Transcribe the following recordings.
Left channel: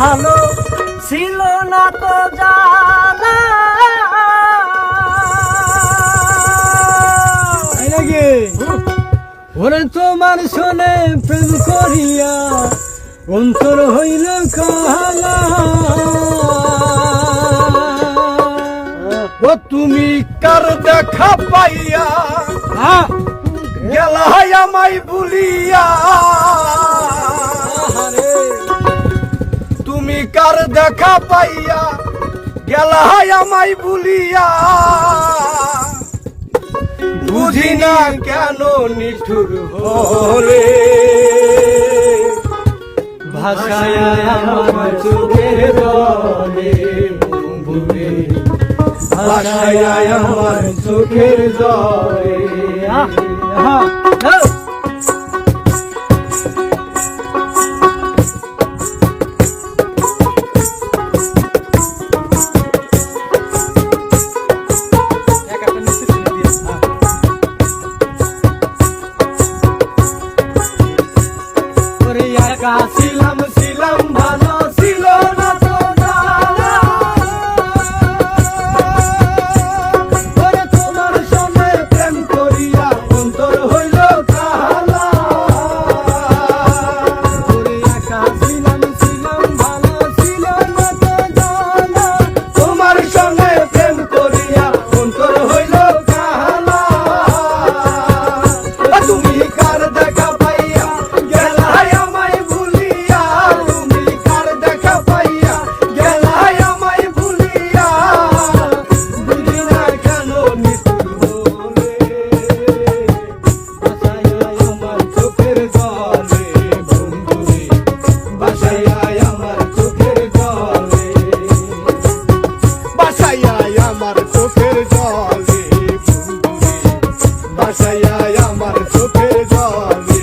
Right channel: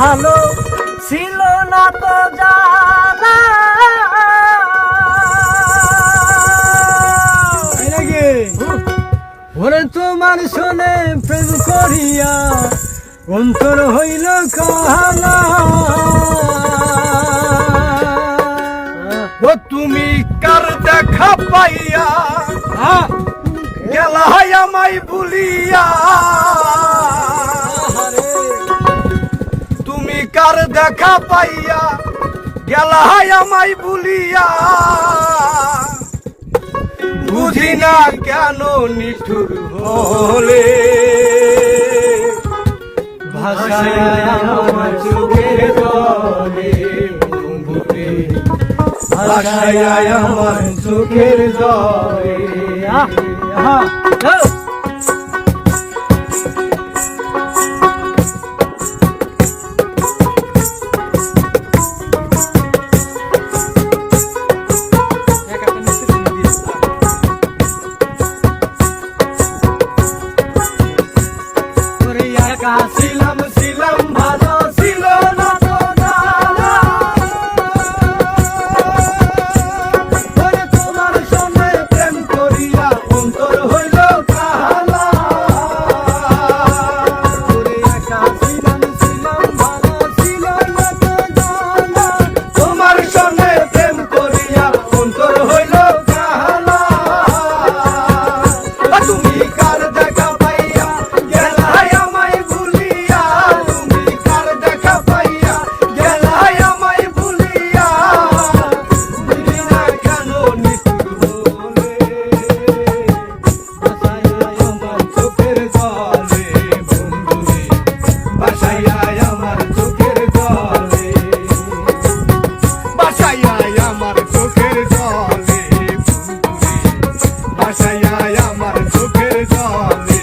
ভালো ছিল না তো জানা ওরে তোমার শোনে প্রেম করিয়া অন্তর হইল কালা ও তুমি কার দেখা পাইয়া গেলা আমায় ভুলিয়া তুমি কার দেখা পাইয়া গেলা আমায় ভুলিয়া বুঝি না কেন নিঠুর হলে ভাষায় আমার চোখের জলে বন্ধুরে ভাষায় আমার চোখের জলে আমার চোখের জলে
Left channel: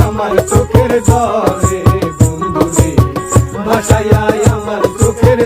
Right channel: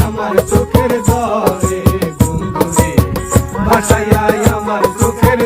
আমার চোখের জলে বন্ধুরে ভাষায় আমার চোখের